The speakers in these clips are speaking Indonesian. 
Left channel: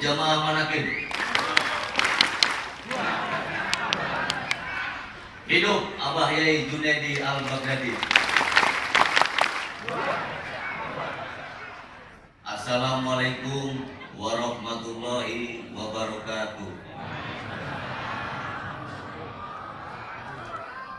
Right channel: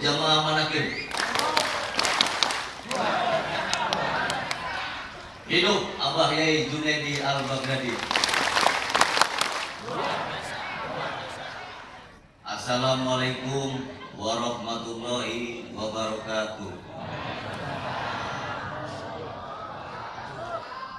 jamaah manakin. Hidup Abah Yai Junaidi Al-Baghdadi. Assalamualaikum warahmatullahi wabarakatuh.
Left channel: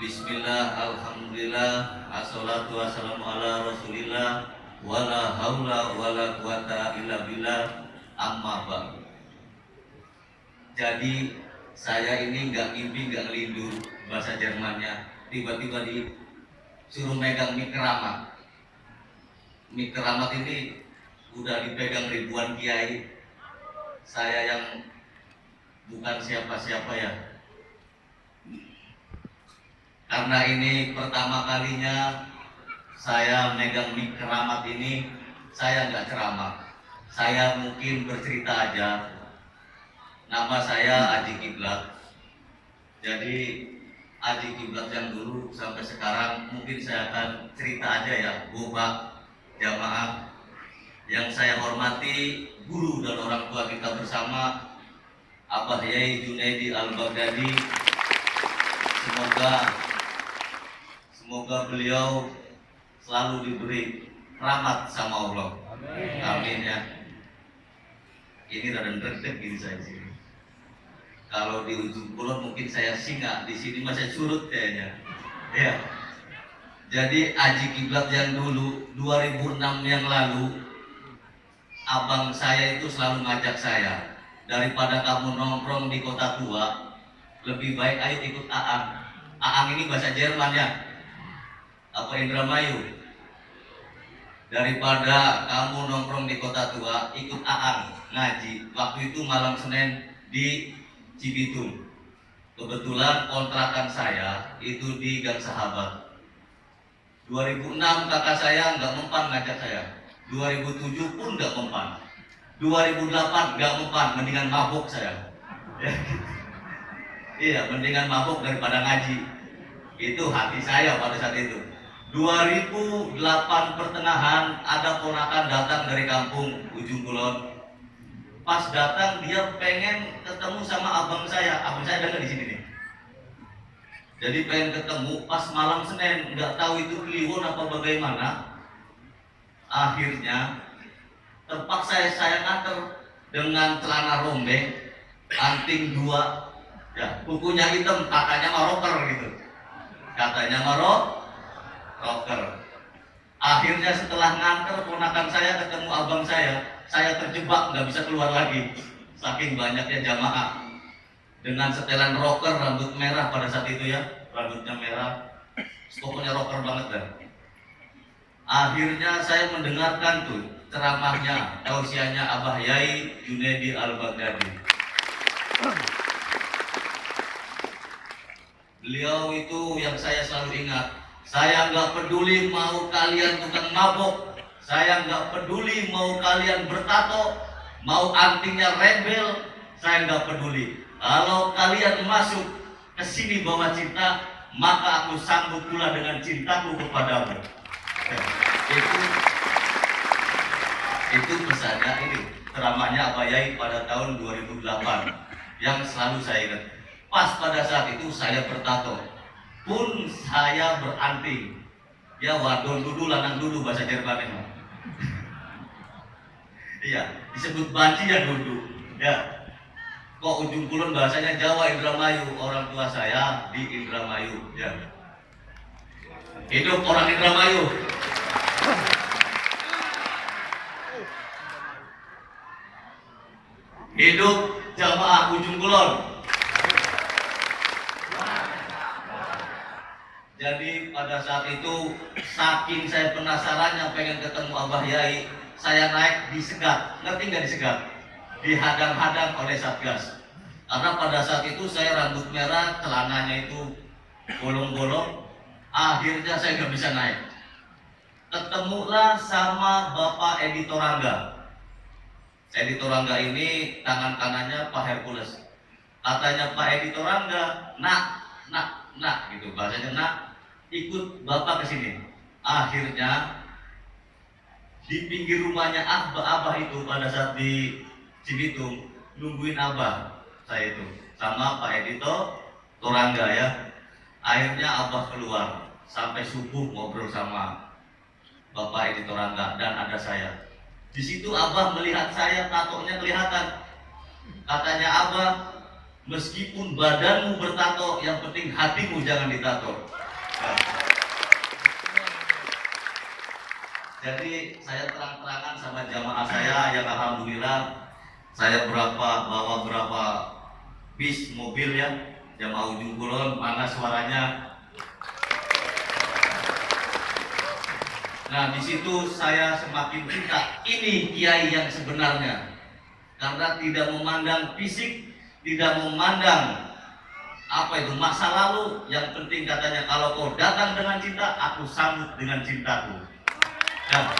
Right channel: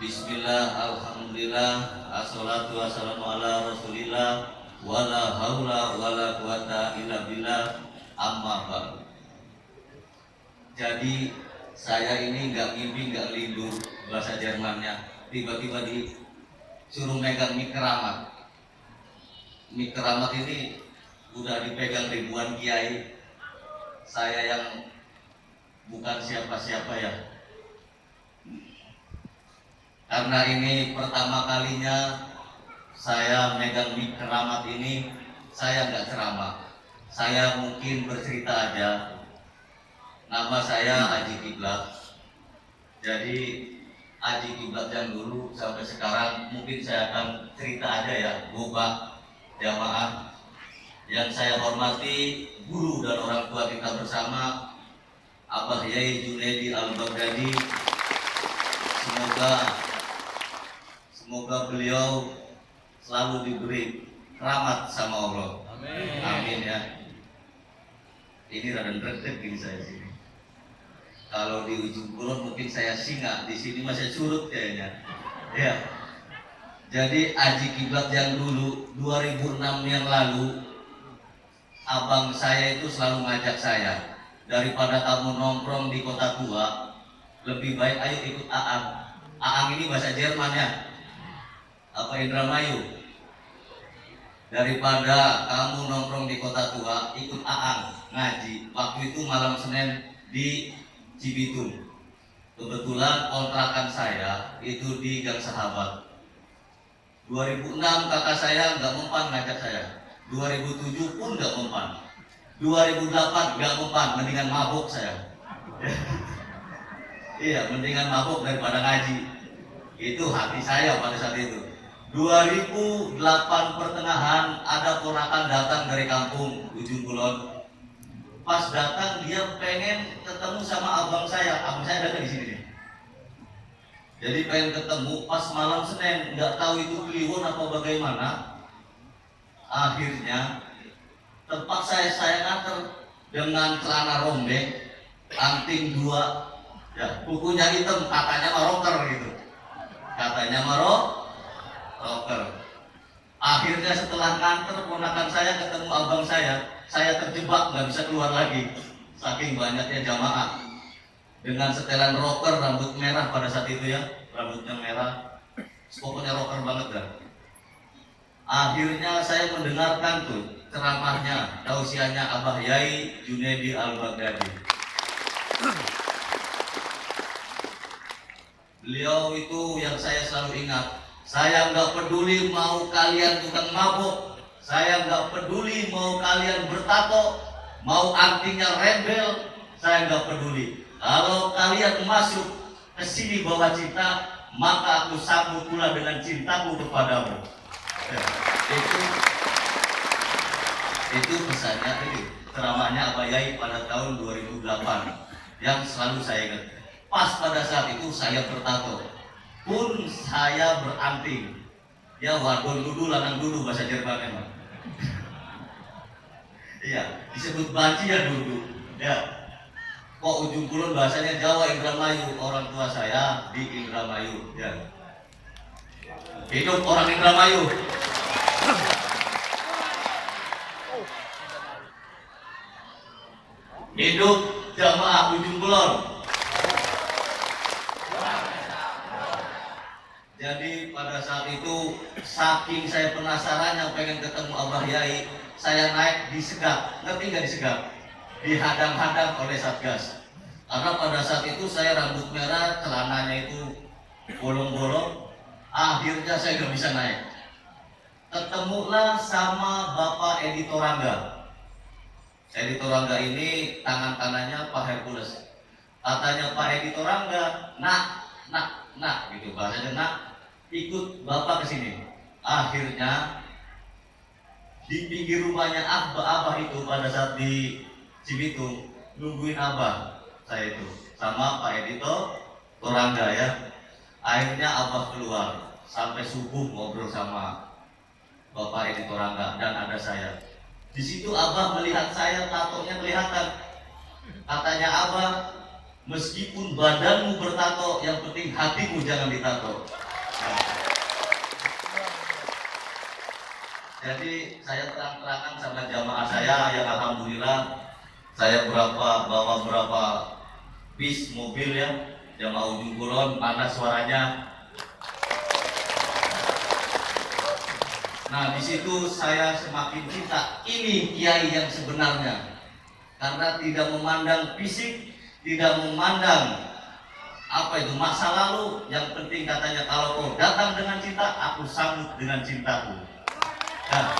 Bismillah, alhamdulillah, assalatu wassalamu ala rasulillah, wala haula wala quwata illa billah, amma ba'du. Jadi saya ini nggak mimpi, nggak lindu bahasa Jermannya. Tiba-tiba disuruh megang mik keramat. Mik keramat ini udah dipegang ribuan kiai. Saya yang bukan siapa-siapa ya. Karena ini pertama kalinya saya megang mik keramat ini, saya nggak ceramah. Saya mungkin bercerita aja. Nama saya Aji Kiblat. Jadi Aji Kiblat yang dulu sampai sekarang mungkin saya akan cerita aja ya, Bapak jamaah. Yang saya hormati guru dan orang tua kita bersama, Abah Yai Junaidi Al-Baghdadi. Semoga beliau selalu diberi rahmat sama Allah. Amin. Amin ya. Ini rada deg-deg gini saya sih. Kalau di ujung kulon mungkin saya singa, di sini masih surut kayaknya. Ya. Jadi Aji Kiblat yang dulu 2006 yang lalu, abang saya itu selalu ngajak saya, daripada kamu nongkrong di kota tua, lebih baik ayo ikut Aang. Aang ini bahasa Jermannya. Apa Indramayu? Daripada kamu nongkrong di kota tua, ikut Aang ngaji. Waktu itu malam Senin di Cibitung. Kebetulan kontrakan saya itu di Gang Sahabat. 2006 kakak saya nggak mempan ngajak saya. 2007 pun nggak mempan. 2008 nggak mempan, mendingan mabuk saya. Iya, mendingan mabuk daripada ngaji. Itu hati saya pada saat itu. 2008 pertengahan ada ponakan datang dari kampung Ujung Kulon. Pas datang dia pengen ketemu sama abang saya ada di sini nih. Jadi pengen ketemu pas malam Senin, nggak tahu itu kliwon apa bagaimana. Akhirnya terpaksa saya nganter dengan celana rombeng, anting 2, ya kukunya hitam, katanya maroker gitu. Katanya rocker. Akhirnya setelah nganter ponakan saya ketemu abang saya terjebak nggak bisa keluar lagi. Saking banyaknya jamaah dengan setelan rocker, rambut merah pada saat itu ya, rambutnya merah, pokoknya rocker banget dah. Akhirnya saya mendengarkan tuh ceramahnya, tausiahnya Abah Yai Junaidi Al-Baghdadi. Beliau itu yang saya selalu ingat. Saya nggak peduli mau kalian tukang mabok, saya nggak peduli mau kalian bertato, mau antingnya rebel, saya nggak peduli. Kalau kalian masuk ke sini bawa cinta, maka aku sanggup pula dengan cintaku kepadamu. Ya, itu pesannya ini, ceramahnya Abah Yai pada tahun 2008 yang selalu saya ingat. Pas pada saat itu saya bertato. Pun saya beranting, ya wadon dulu lanang dulu bahasa Jerman memang. Iya, disebut banci ya dulu. Ya, kok Ujung Kulon bahasanya Jawa Indramayu, orang tua saya di Indramayu. Ya, hidup orang Indramayu. Hidup jamaah Ujung Kulon. Jadi pada saat itu saking saya penasarannya pengen ketemu Abah Yai, saya naik disegat. Ngerti nggak disegat? Dihadang-hadang oleh Satgas. Karena pada saat itu saya rambut merah, celananya itu bolong-bolong. Akhirnya saya nggak bisa naik. Ketemulah sama Bapak Edi Torangga. Edi Torangga ini tangan kanannya Pak Hercules. Katanya Pak Edi Torangga, nak gitu bahasanya, nak ikut bapak ke sini. Akhirnya di pinggir rumahnya abah itu pada saat di Cibitung, nungguin Abah saya itu sama Pak Edito Torangga ya. Akhirnya Abah keluar sampai subuh ngobrol sama Bapak Edito Torangga dan ada saya. Di situ Abah melihat saya, tatonya kelihatan. Katanya Abah, meskipun badanmu bertato, yang penting hatimu jangan ditato. Nah, jadi saya terang-terangan sama jamaah saya yang alhamdulillah saya bawa berapa bis mobil ya, jamaah Ujung Kulon, mana suaranya. Nah, di situ saya semakin cinta. Ini kiai yang sebenarnya, karena tidak memandang fisik, tidak memandang masa lalu. Yang penting katanya, kalau kau datang dengan cinta, aku sambut dengan cintaku. Nah,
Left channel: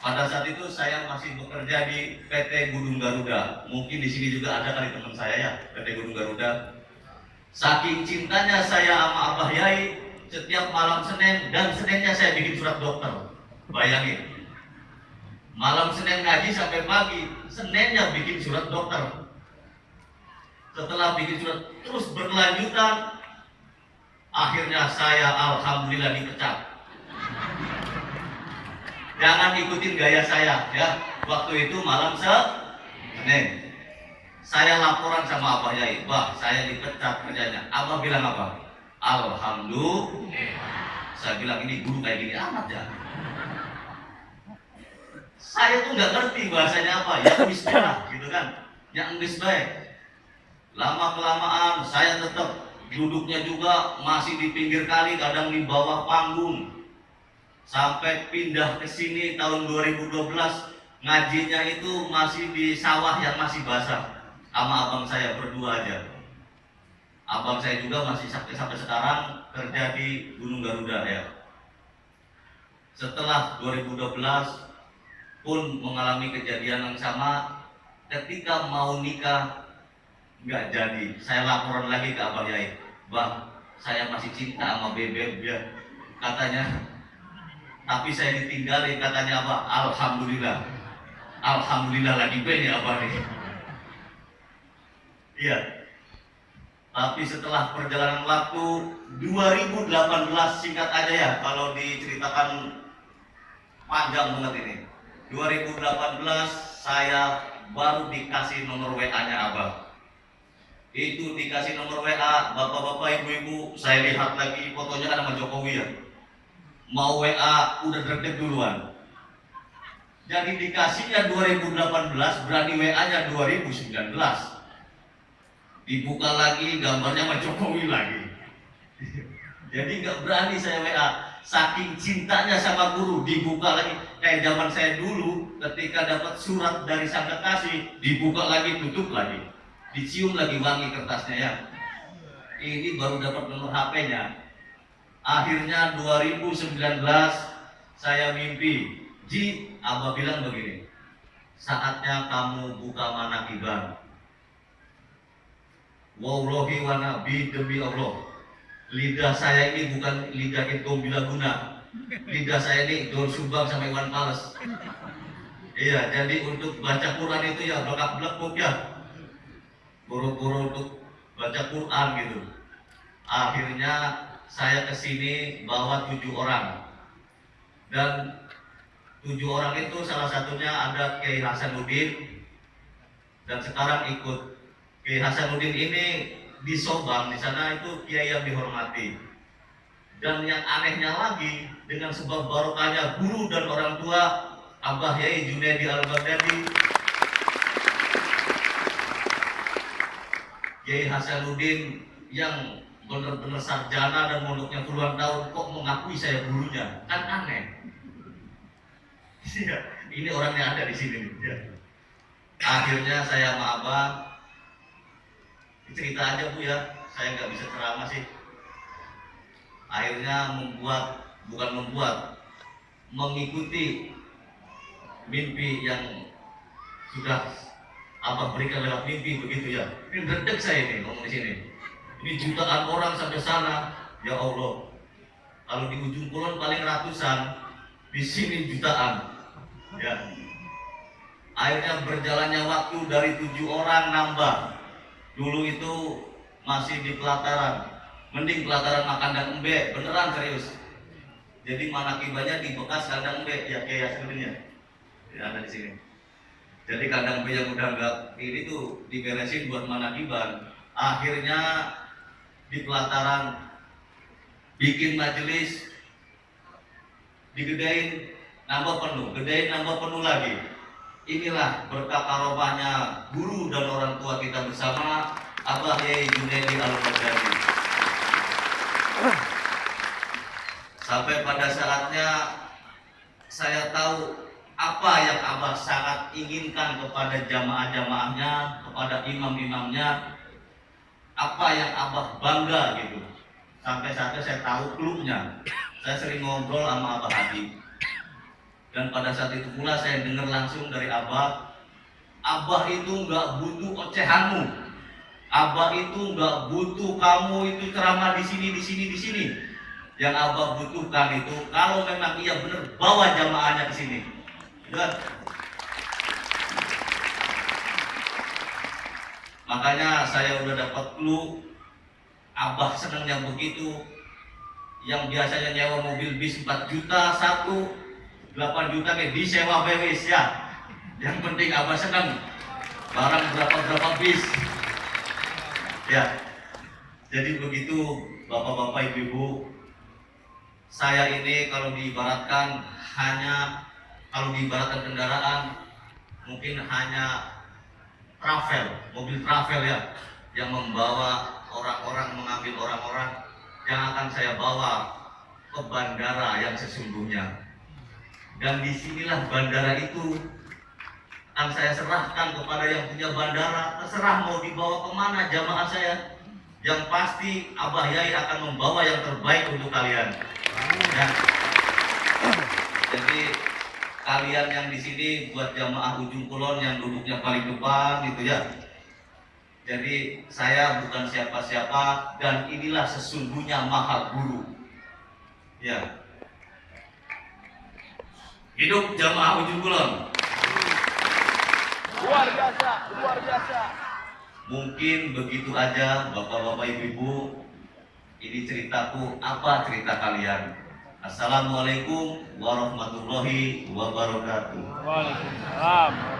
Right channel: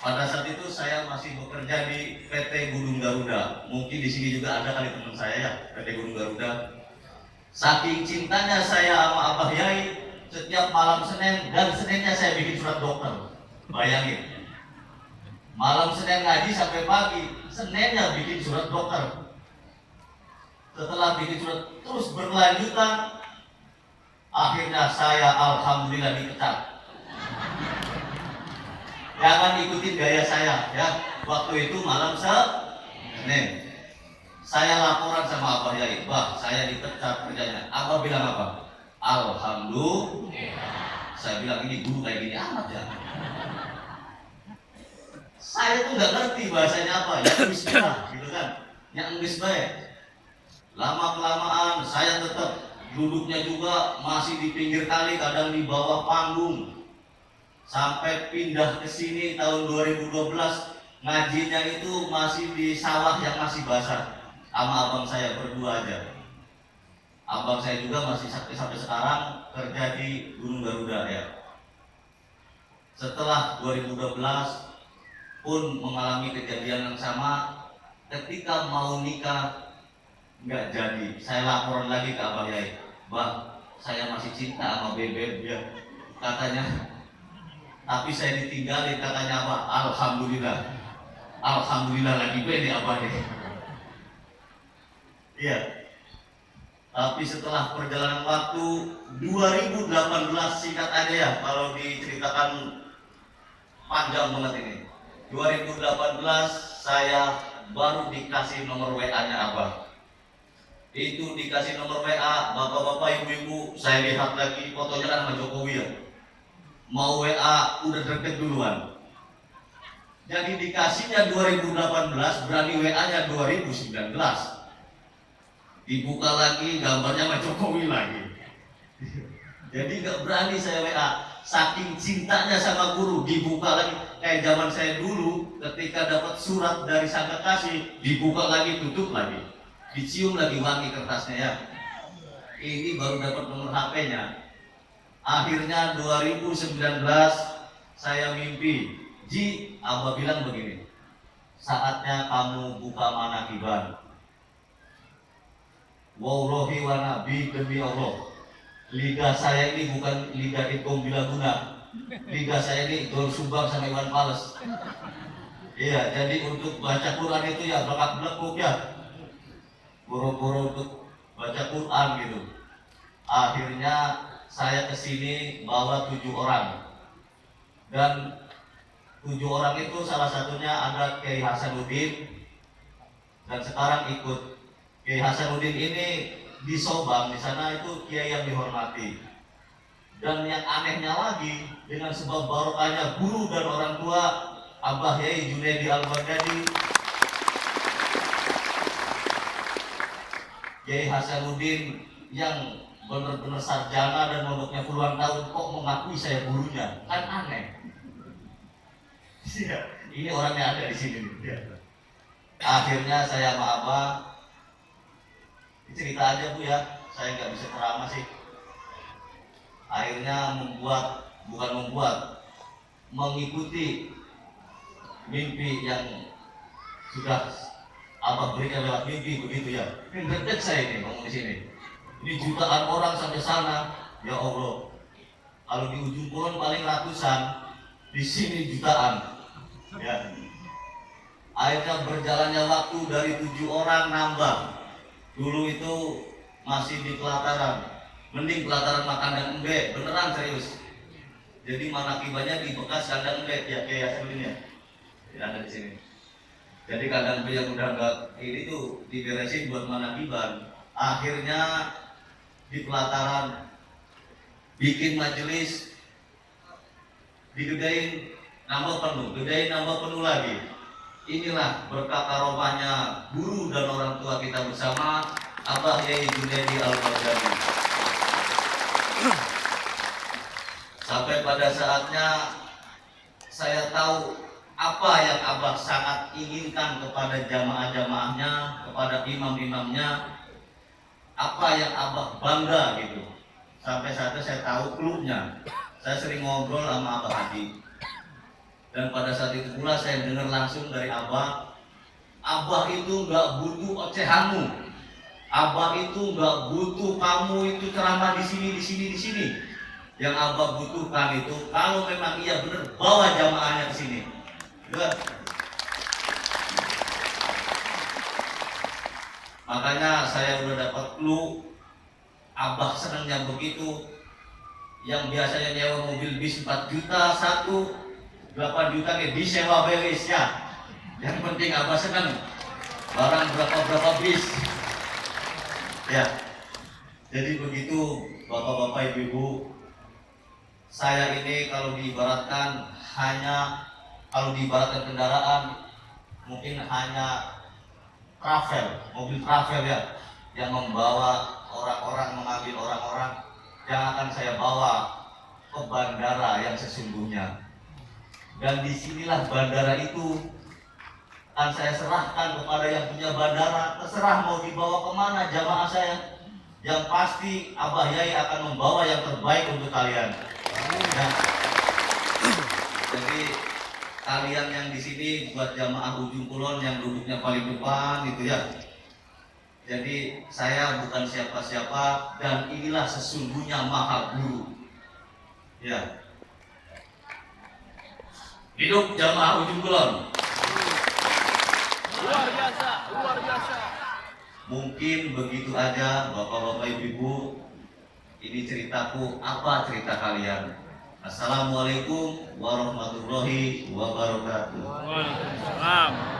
pada saat itu saya masih bekerja di PT Gunung Garuda. Mungkin di sini juga ada kali teman saya ya, PT Gunung Garuda. Saking cintanya saya sama Abah Yai, setiap malam Senin dan Seninnya saya bikin surat dokter. Bayangin, malam Senin ngaji sampai pagi, Seninnya bikin surat dokter. Setelah bikin surat terus berkelanjutan, akhirnya saya alhamdulillah dipecat. Jangan ikutin gaya saya ya. Waktu itu malam Senin, saya laporan sama Abah Yai, Bah, saya dipecat kerjanya. Abah bilang apa? Alhamdulillah. Saya bilang, ini guru kayak gini amat ya. Saya tuh nggak ngerti bahasanya apa, ya bismillah gitu kan, yang baik. Lama kelamaan saya tetap duduknya juga masih di pinggir kali, kadang di bawah panggung. Sampai pindah ke sini tahun 2012, ngajinya itu masih di sawah yang masih basah, sama abang saya berdua aja. Abang saya juga masih sampai sekarang kerja di Gunung Garuda ya. Setelah 2012 pun mengalami kejadian yang sama. Ketika mau nikah nggak jadi, saya laporan lagi ke Abang Yai, Bang, saya masih cinta sama Bebek ya, katanya. Tapi saya ditinggalin, katanya apa? Alhamdulillah. Alhamdulillah lagi beda Abah nih. Iya. Tapi setelah perjalanan waktu 2018, singkat aja ya kalau diceritakan panjang banget ini. 2018 saya baru dikasih nomor WA-nya Abah. Itu dikasih nomor WA, bapak-bapak, ibu-ibu, saya lihat lagi fotonya kan sama Jokowi ya. Mau WA udah deg-deg duluan. Jadi dikasihnya 2018, berani WA-nya 2019. Dibuka lagi, gambarnya sama Jokowi lagi. Jadi nggak berani saya WA. Saking cintanya sama guru, dibuka lagi. Kayak zaman saya dulu, ketika dapat surat dari sang kekasih, dibuka lagi, tutup lagi, dicium lagi wangi kertasnya ya. Ini baru dapat nomor HP-nya. Akhirnya 2019 saya mimpi, Ji, Abah bilang begini, saatnya kamu buka manakiban. Wallahi wa nabi, demi Allah, lidah saya ini bukan lidah Idkom Bilaguna. Lidah saya ini Dor Sumbang sama Iwan Fals. Iya, jadi untuk baca Quran itu ya belak-belekuk ya, boro-boro untuk baca Quran gitu. Akhirnya saya kesini bawa 7 orang, dan 7 orang itu salah satunya ada Kiai Hasanuddin, dan sekarang ikut. Kiai Hasanuddin ini di Sobang, di sana itu kiai yang dihormati. Dan yang anehnya lagi, dengan sebab barokahnya guru dan orang tua Abah Yai Junaidi Al-Baghdadi, Kiai Hasanuddin yang benar-benar sarjana dan mondoknya puluhan tahun, kok mengakui saya gurunya, kan aneh. Ini orang yang ada di sini. Akhirnya saya sama Abah cerita aja Bu ya, saya nggak bisa ceramah sih. Akhirnya mengikuti mimpi yang sudah Abah berikan lewat mimpi begitu ya. Ini berdek saya ini ngomong di sini. Ini jutaan orang sampai sana, ya Allah. Kalau di ujung kulon paling ratusan, di sini jutaan. Ya. Akhirnya berjalannya waktu dari 7 orang nambah. Dulu itu masih di pelataran, mending pelataran kandang embe, beneran serius. Jadi manakibahnya di bekas kandang embe, ya kayak ya, ada di sini. Jadi kandang embe yang udah enggak ini tuh diberesin buat manakiban. Akhirnya di pelataran bikin majelis, digedain nambah penuh, gedain nambah penuh lagi. Inilah berkah karomahnya guru dan orang tua kita bersama, Abah Yai Junaidi Al-Baghdadi. Sampai pada saatnya saya tahu apa yang Abah sangat inginkan kepada jamaah-jamaahnya, kepada imam-imamnya, apa yang Abah bangga gitu. Sampai saatnya saya tahu klubnya. Saya sering ngobrol sama Abah Habib. Dan pada saat itu pula saya dengar langsung dari Abah, Abah itu nggak butuh ocehanmu, Abah itu nggak butuh kamu itu ceramah di sini, di sini, di sini. Yang Abah butuhkan itu kalau memang iya benar bawa jamaahnya ke sini. Ya. Makanya saya udah dapat clue, Abah senangnya begitu. Yang biasanya nyewa mobil bis 4 juta satu, 8 juta kayak disewa beres ya. Yang penting Abah senang barang berapa bis. Ya. Jadi begitu Bapak-bapak, Ibu-ibu. Saya ini kalau diibaratkan kendaraan mungkin hanya travel, mobil travel ya, yang membawa orang-orang, mengambil orang-orang yang akan saya bawa ke bandara yang sesungguhnya. Dan disinilah bandara itu akan saya serahkan kepada yang punya bandara. Terserah mau dibawa kemana jamaah saya. Yang pasti Abah Yai akan membawa yang terbaik untuk kalian. Ya. Jadi kalian yang di sini buat jamaah Ujung Kulon yang duduknya paling depan gitu ya. Jadi saya bukan siapa-siapa dan inilah sesungguhnya Maha Guru. Ya. Hidup jamaah Ujung Kulon. Luar biasa, luar biasa. Mungkin begitu aja Bapak-bapak, Ibu-ibu. Ini ceritaku, apa cerita kalian? Assalamualaikum warahmatullahi wabarakatuh. Waalaikumsalam.